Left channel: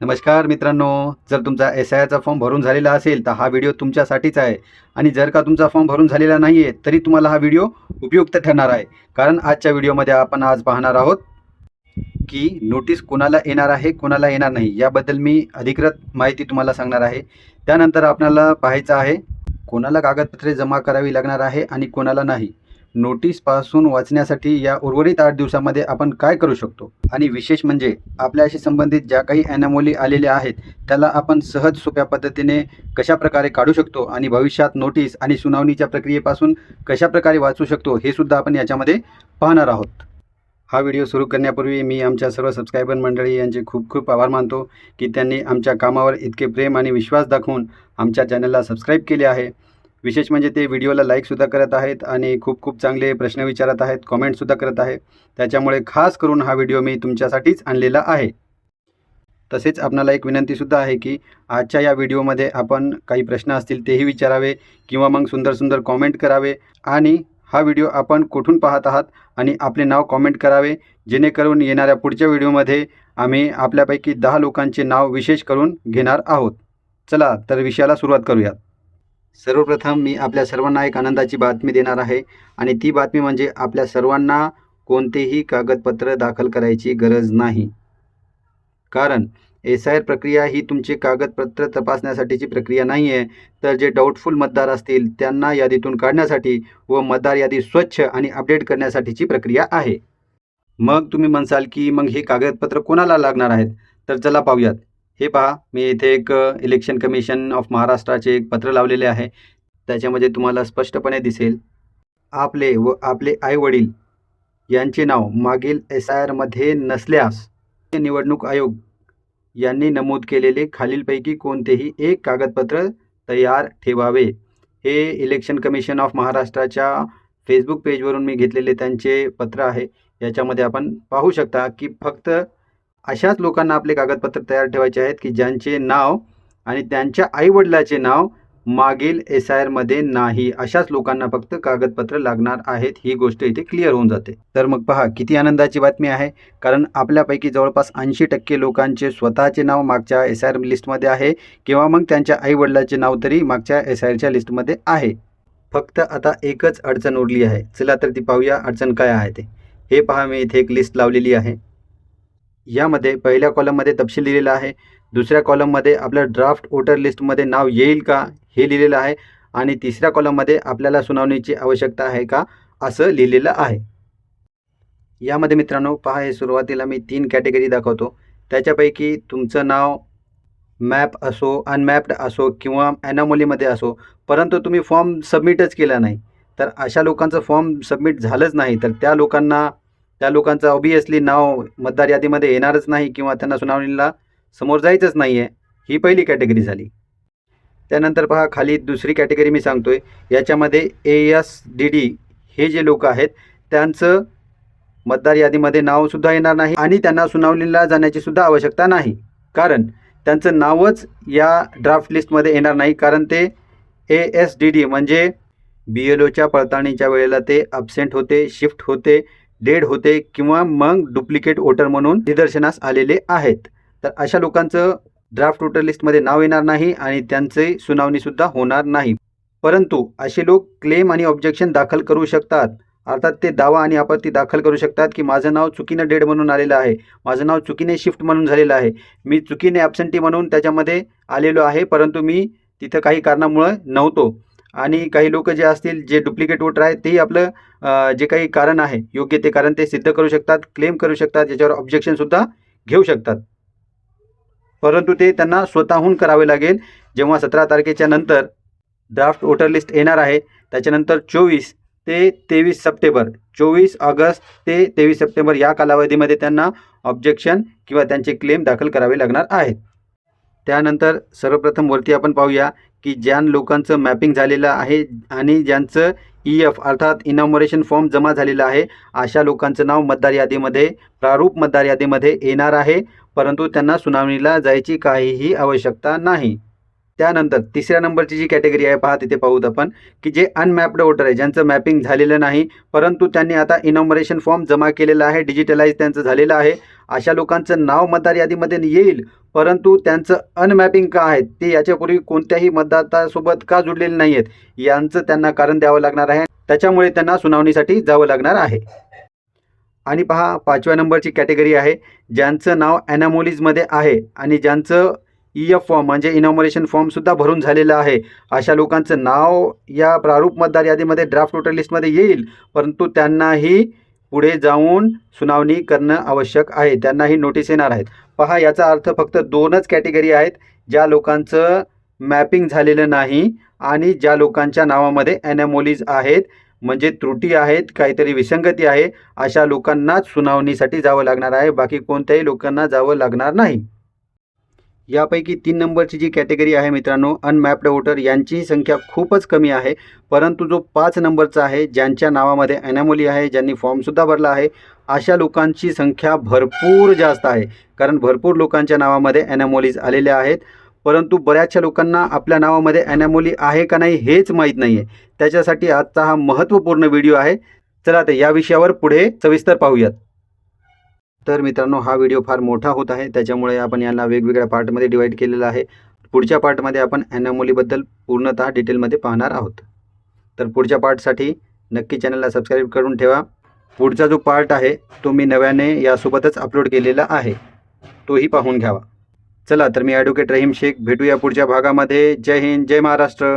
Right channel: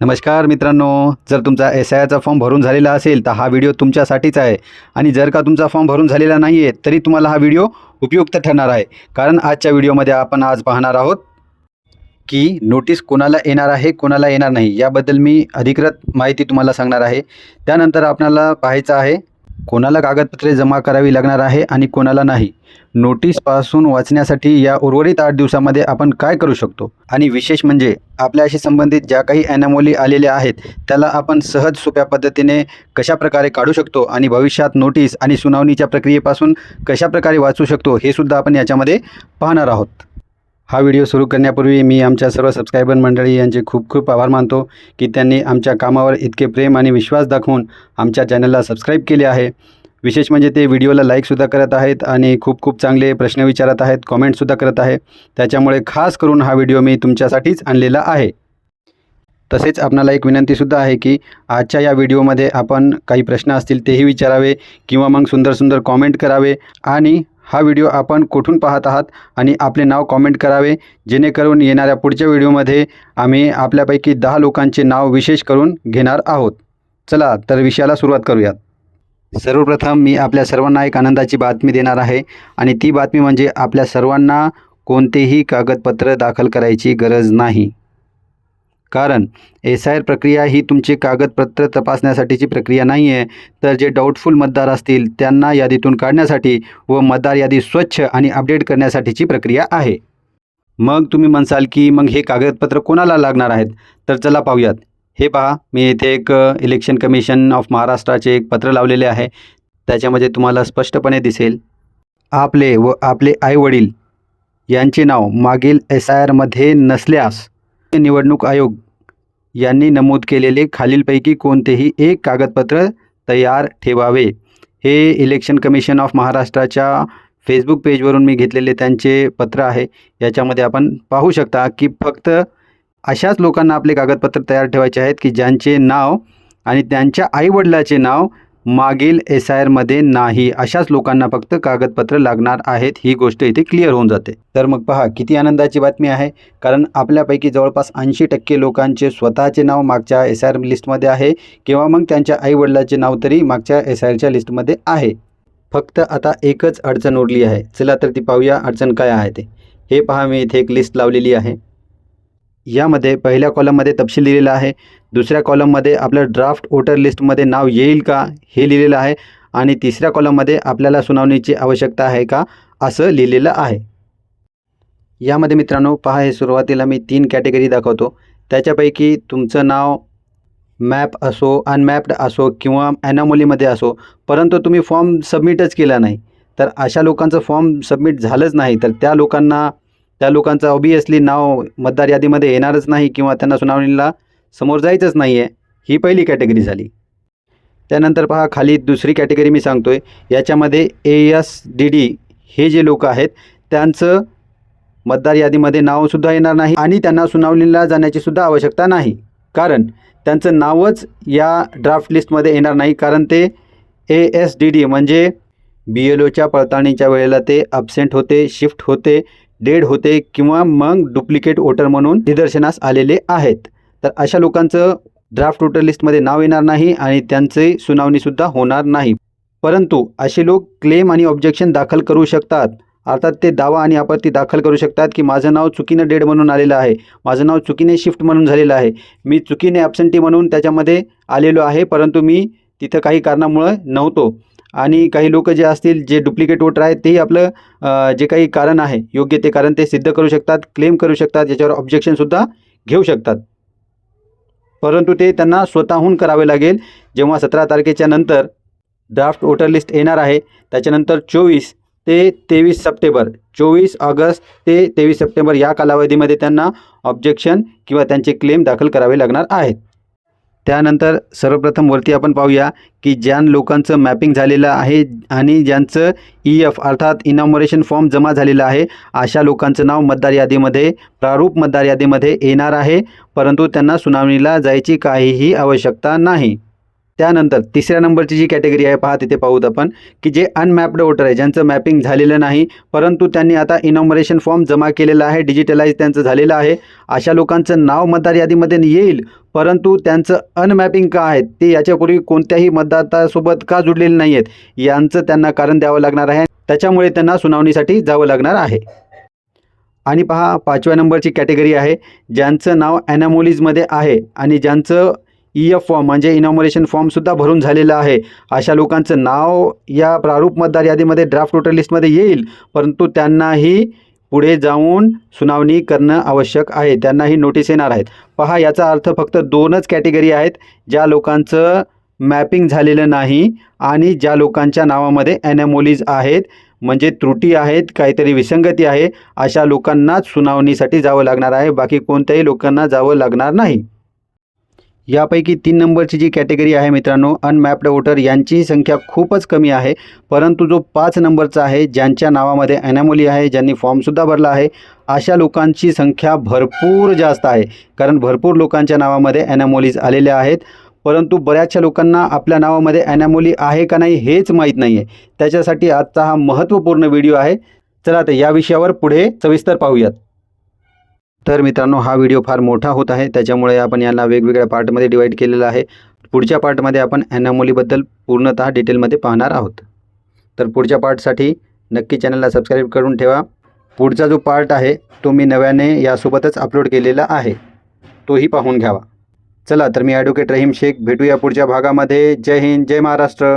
नमस्कार मित्रांनो, जर तुमचा एस-आयचा फॉर्म भरून झालेला असेल तर हा व्हिडिओ तुमच्यासाठीच आहे. आणि जर का तुमचा फॉर्म भरून झालेला नाही आहे तरी तुम्हाला हा व्हिडिओ उपयुक्त ठरणार आहे. कारण आजच्या व्हिडिओमध्ये आपण आज पाहणार आहोत की नोटीस कोणाला येणार आहे, कोणाला येणार नाही याबद्दल मी अधिकृत माहिती तुम्हाला सांगणार आहे. त्यानंतर आपल्याला पाहायचं आहे कोणाला कागदपत्रे जमा करावी लागणार आहे आणि कोणाला नाही. नोटीसपासून वाचण्यासाठी या उर्वरित 8 दिवसामध्ये आपण काय करू शकतो आणि विशेष म्हणजे आपल्याशी संबंधित ज्या काही ॲनोमली आलेल्या आहेत त्याला आपण सहज सोप्या पद्धतीने कशाप्रकारे काढू शकतो आणि भविष्यात नोटीस आणि सुनावणीच्या प्रक्रियेपासून कशाप्रकारे वाचू शकतो हे सुद्धा आपण याच्यामध्ये पाहणार आहोत. हा व्हिडिओ सुरू करण्यापूर्वी मी आमच्या सर्व सबस्क्रायबर मंडळी यांचे खूप खूप आभार मानतो की त्यांनी आमच्या कामावर इतके प्रेम आणि विश्वास दाखवून आमच्या चॅनलला सबस्क्राईब केले आहे. विशेष म्हणजे ते व्हिडिओला लाईकसुद्धा करत आहेत आणि खूप खूप चांगले प्रश्न विचारत आहेत, कॉमेंटसुद्धा करत आहे. त्याच्यामुळे खास करून हा व्हिडिओ मी तुमच्यासाठीच आणलेला आहे. तसेच आपणाला एक विनंतीसुद्धा आहे की आजच्या या व्हिडिओमध्ये आपण काही प्रश्न असतील तेही विचारावे किंवा मग सुंदर सुंदर कॉमेंट करावे आणि हा व्हिडिओ आपण कुठून पाहत आहात आणि आपले नाव कॉमेंट करावे, जेणेकरून येणाऱ्या पुढच्या व्हिडिओमध्ये आम्ही आपल्यापैकी 10 लोकांचे नाव विशेष करून घेणार आहोत. चला तर विषयाला सुरुवात करूयात. सर्वप्रथम मी आपल्या सर्वांना एक आनंदाची बातमी देणार आहे आणि ती बातमी म्हणजे आपल्या सर्वांना कोणतेही कागदपत्र दाखल करायची गरज नाही. कारण एस-आय प्रक्रिया ही तुमची कागदपत्र तपासण्यासाठीची प्रक्रिया नाही आहे, तर जे डाऊटफुल मतदार असतील त्यांना यादीतून काढण्यासाठी व मतदार यादी स्वच्छ आणि अपडेट करण्यासाठीची प्रक्रिया आहे. मग तुम्ही म्हणसाल की मग हे कागदपत्र कोणाला लागणार आहेत, तर चला पाहूयात. हे पहा, मी इथे एक इलेक्शन कमिशन ऑफ महाराष्ट्राचे एक पत्र लावलेले आहे. त्याच्यामध्ये तुम्हाला स्पष्टपणे दिसेल आपले व आपले आईवडील यांचे नाव मागील एस-आयमध्ये नसल्यास निवडणूक आयोग यांनी नमूद केलेले खालीलपैकी कोणतेही एक कागदपत्र तयार ठेवावे. हे इलेक्शन कमिशन ऑफ महाराष्ट्राच्या फेसबुक पेजवरून मी घेतलेले त्यांचे पत्र आहे. याच्यामध्ये आपण पाहू शकता की फक्त अशाच लोकांना आपले कागदपत्र तयार ठेवायचे आहेत की ज्यांचे नाव आणि त्यांच्या आईवडिलाचे नाव मागील एस-आयमध्ये नाही. अशाच लोकांना फक्त कागदपत्र लागणार आहेत. ही गोष्ट इथे क्लिअर होऊन जाते. तर मग पहा किती आनंदाची बातमी आहे, कारण आपल्यापैकी जवळपास 80% लोकांचे स्वतःचे नाव मागच्या एस-आय लिस्टमध्ये आहे किंवा मग त्यांच्या आईवडिलाचे नाव तरी मागच्या एस-आयच्या लिस्टमध्ये आहे. फक्त आता एकच अडचण उरली आहे. चला तर ती पाहूया अडचण काय आहे ते. हे पहा, मी इथे एक लिस्ट लावलेली आहे. यामध्ये पहिल्या कॉलममध्ये तपशील लिहिलेला आहे, दुसऱ्या कॉलममध्ये आपलं ड्राफ्ट वोटर लिस्टमध्ये नाव येईल का हे लिहिलेलं आहे आणि तिसऱ्या कॉलममध्ये आपल्याला सुनावणीची आवश्यकता आहे का असं लिहिलेलं आहे. यामध्ये मित्रांनो पहा, हे सुरुवातीला मी 3 कॅटेगरी दाखवतो. त्याच्यापैकी तुमचं नाव मॅप असो, अनमॅप्ड असो किंवा ॲनोमलीमध्ये असो, परंतु तुम्ही फॉर्म सबमिटच केला नाही, तर अशा लोकांचं फॉर्म सबमिट झालंच नाही, तर त्या लोकांचं ऑब्वियसली नाव मतदार यादीमध्ये येणारच नाही किंवा त्यांना सुनावणीला समोर जायचंच नाही आहे. ही पहिली कॅटेगरी झाली. त्यानंतर पहा खाली दुसरी कॅटेगरी मी सांगतो आहे. याच्यामध्ये ASDD हे जे लोक आहेत त्यांचं मतदार यादीमध्ये नावसुद्धा येणार नाही आणि त्यांना सुनावणीला जाण्याची सुद्धा आवश्यकता नाही, कारण त्यांचं नावच या ड्राफ्ट लिस्टमध्ये येणार नाही. कारण ते ASDD म्हणजे BLOच्या पडताळणीच्या वेळेला ते ॲब्सेंट होते, शिफ्ट होते, डेड होते किंवा मग डुप्लिकेट वोटर म्हणून निदर्शनास आलेले आहेत. तर अशा लोकांचं ड्राफ्ट वोटर लिस्टमध्ये नाव येणार नाही आणि त्यांचे सुनावणीसुद्धा होणार नाही. परंतु असे लोक क्लेम आणि ऑब्जेक्शन दाखल करू शकतात. अर्थात ते दावा आणि आपत्ती दाखल करू शकतात की माझं नाव चुकीनं डेड म्हणून आलेलं आहे, माझं नाव चुकीने शिफ्ट म्हणून झालेलं आहे, मी चुकीने ॲब्सेंटी म्हणून त्याच्यामध्ये आलेलो आहे, परंतु मी तिथं काही कारणामुळं नव्हतो. आणि काही लोक जे असतील जे डुप्लिकेट वोटर आहेत तेही आपलं जे काही कारण आहे योग्य ते कारण ते सिद्ध करू शकतात, क्लेम करू शकतात, याच्यावर ऑब्जेक्शनसुद्धा घेऊ शकतात. परंतु ते त्यांना स्वतःहून करावे लागेल. जेव्हा 17 तारखेच्या नंतर ड्राफ्ट वोटर लिस्ट येणार आहे त्याच्यानंतर 24 ते 23 सप्टेंबर 24 ऑगस्ट ते 23 सप्टेंबर या कालावधीमध्ये त्यांना ऑब्जेक्शन किंवा त्यांचे क्लेम दाखल करावे लागणार आहेत. त्यानंतर सर्वप्रथम वरती आपण पाहूया की ज्या लोकांचं मॅपिंग झालेलं आहे आणि ज्यांचं EF अर्थात इनॉमरेशन फॉर्म जमा झालेला आहे अशा लोकांचं नाव मतदार यादीमध्ये प्रारूप मतदार यादीमध्ये येणार आहे, परंतु त्यांना सुनावणीला जायची काहीही आवश्यकता नाही. त्यानंतर तिसऱ्या नंबरची जी कॅटेगरी आहे पहा, तिथे पाहूत आपण की जे अनमॅप्ड वोटर आहे, ज्यांचं मॅपिंग झालेलं नाही परंतु त्यांनी आता इनॉमरेशन फॉर्म जमा केलेला आहे, डिजिटलाइज त्यांचं झालेलं आहे, अशा लोकांचं नाव मतदार यादीमध्ये येईल, परंतु त्यांचं अनमॅपिंग का आहे, ते याच्यापूर्वी कोणत्याही मतदारासोबत का जुडलेले नाही आहेत, यांचं त्यांना कारण द्यावं लागणार आहे. त्याच्यामुळे त्यांना सुनावणीसाठी जावं लागणार आहे. आणि पहा 5व्या नंबरची कॅटेगरी आहे, ज्यांचं नाव ॲनॉमलीजमध्ये आहे आणि ज्यांचं EF फॉर्म म्हणजे इनॉमरेशन फॉर्मसुद्धा भरून झालेलं आहे. अशा लोकांचं नाव या प्रारूप मतदार यादीमध्ये ड्राफ्ट वोटर लिस्टमध्ये येईल, परंतु त्यांनाही पुढे जाऊन सुनावणी करणं आवश्यक आहे. त्यांनाही नोटीस येणार आहेत. पहा याचा अर्थ फक्त 2च कॅटेगरी आहेत, ज्या लोकांचं मॅपिंग झालेलं नाही आणि ज्या लोकांच्या नावामध्ये ॲनॉमलीज आहेत, म्हणजे त्रुटी आहेत, काहीतरी विसंगती आहे, अशा लोकांनाच सुनावणीसाठी जावं लागणार आहे. बाकी कोणत्याही लोकांना जावं लागणार नाही. यापैकी 3 नंबरची जी कॅटेगरी आहे मित्रांनो, अनमॅप्ड वोटर, यांची संख्या खूपच कमी आहे. परंतु जो 5 नंबरचा आहे, ज्यांच्या नावामध्ये ॲनॉमली आहे, ज्यांनी फॉर्मसुद्धा भरला आहे, अशा लोकांची संख्या भरपूर जास्त आहे. कारण भरपूर लोकांच्या नावामध्ये ॲनॉमलीज आलेल्या आहेत, परंतु बऱ्याचशा लोकांना आपल्या नावामध्ये ॲनॉमली आहे का नाही हेच माहीत नाही आहे. त्याच्यासाठी आजचा हा महत्त्वपूर्ण व्हिडिओ आहे. चला तर या विषयावर पुढे सविस्तर पाहूयात. तर मित्रांनो, हा व्हिडिओ फार मोठा होत आहे, त्याच्यामुळे आपण याला वेगवेगळ्या पार्टमध्ये डिवाईड केलेला आहे. पुढच्या पार्टमध्ये आपण ॲनॉमलीबद्दल पूर्णतः डिटेलमध्ये पाहणार आहोत. तर पुढच्या पार्टसाठी नक्की चॅनलला सबस्क्राईब करून ठेवा. पुढचा जो पार्ट आहे तो मी नव्याने यासोबतच अपलोड केलेला आहे, तोही पाहून घ्यावा. चला तर मी ॲडव्होकेट रहीम शेख, भेटूया पुढच्या भागामध्ये. जय हिंद, जय महाराष्ट्र.